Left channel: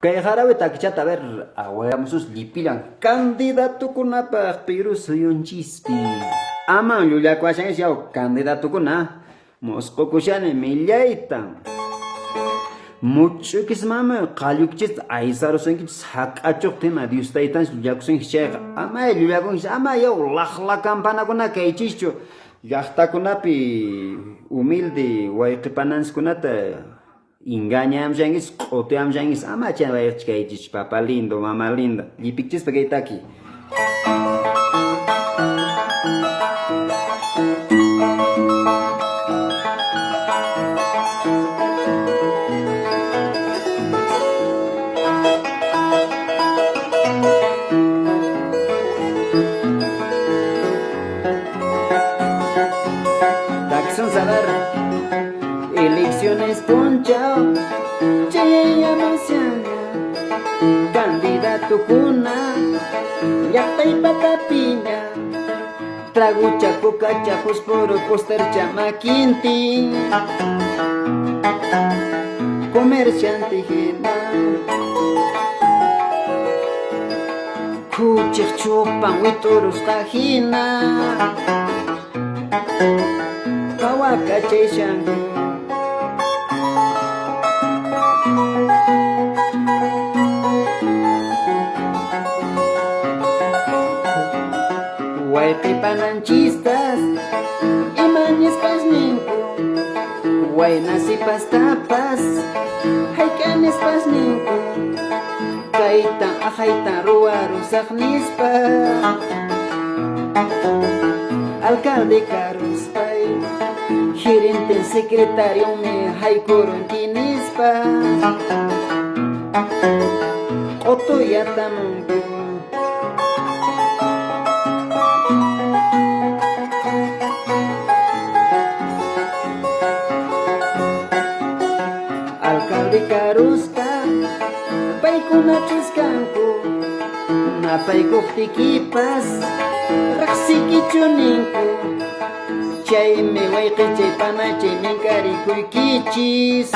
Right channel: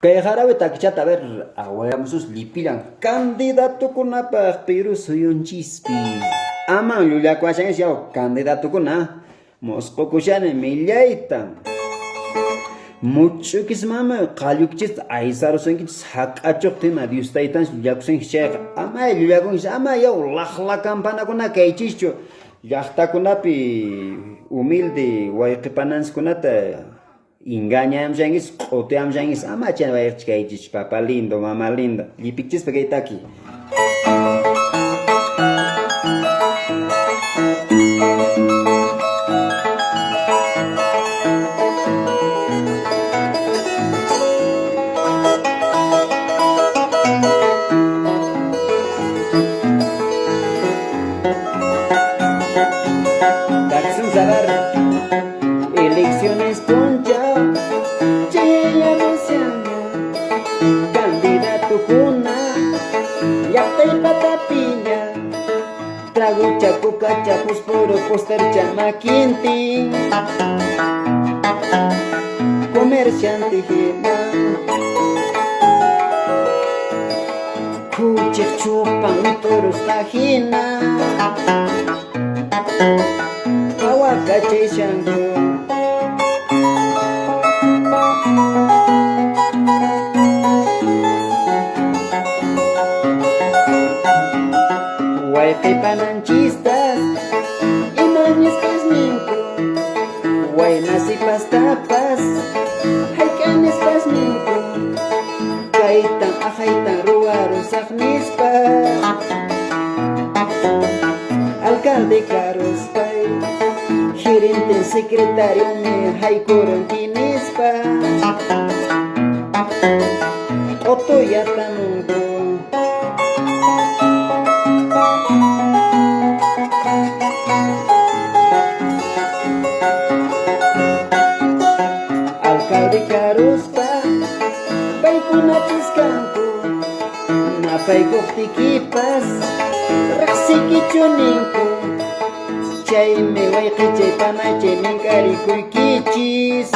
Kay jarabe takchata a ver, awayamusus lipilan candidato kunapaq Perú suyunchispi. Ama llullakuashanchis yaw candidato kuna mosqukushani millayta. Muchukis mama qallukichis aysarusankichis haq'achuqtina Dios taytanchis llullakusankichis chayqa. Ama llullakunkichis ama yaw laqla campanakuna kaychischu. Llaqtakunapi humilde wayqipananchikkunata engañamllanguis, qoteamllanguis, ama chan vayachkaychis, papa lindo, mamá linda. Llipikchispa kaytaki. Taxon saber, elecciones ponchao, chilla masyana, candidato kuna, yakta y patapiña, trago chapo cachapos poro poster chamaquinti, comerciante jena, kuchik chupan huitoros tajina, kawakachay shango. Wayqipananchistas imanispas ninku, waynasipas tapas haykanispas ninku, kaytan ajaytan ruwarusaqnispa alcalde karuspay gerente secretario mi haykorontinispa otoyatamunku. Alcalde karuspa paykuna chiskanku napaykuqtikipas riqsikichuninku chaymi wayqichay minkarikuykichis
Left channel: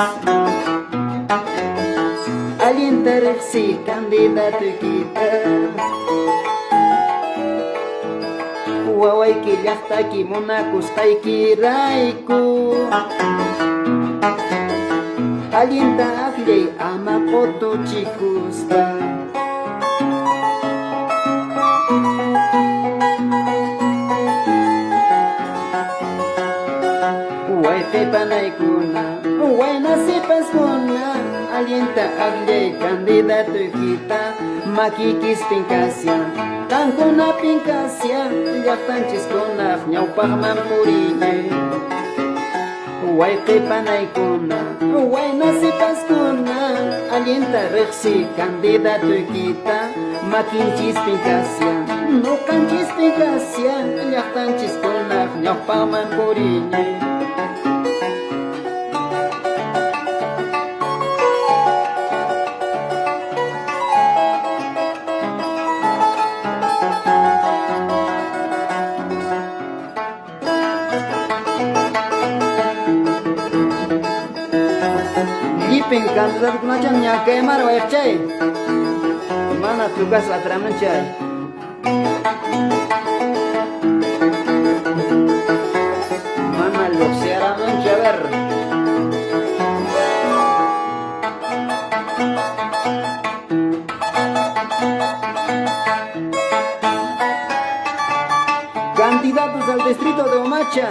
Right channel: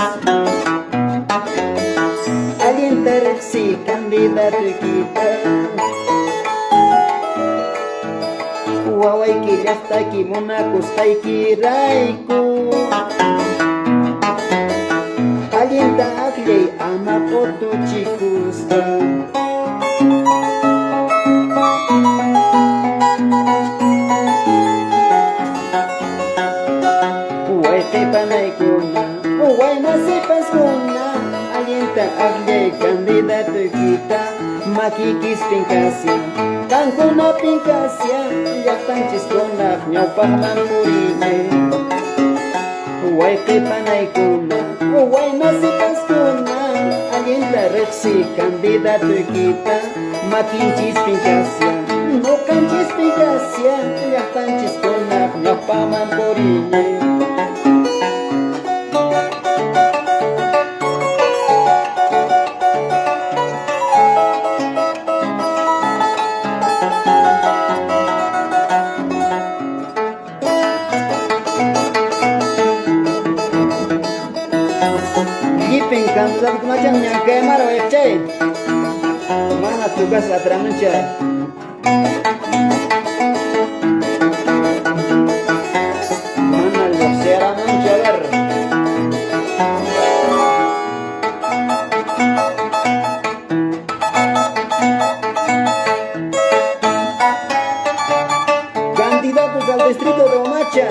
allinta riqsi candidatukita wawayki llaqtaki munakusqaykirayku allinta aqllay ama qotuchikuspa. Wayqipanaykuna waynasipaskuna allinta aqllay candidatukita makikis pinkasya qankuna pinkasya llaqtanchiskunaq ñawpaqman puriñay. Wayqipanaykuna waynasipaskuna allinta riqsi candidatukita makinchis pinkasya ñuqanchis pinkasya llaqtanchiskunaq ñawpaqman puriñay. Llipin candidatukuna ña quemar wayqchay mana tukas atramunchay. Mana lluqsiramunchay ver. Candidatos al distrito de Omacha.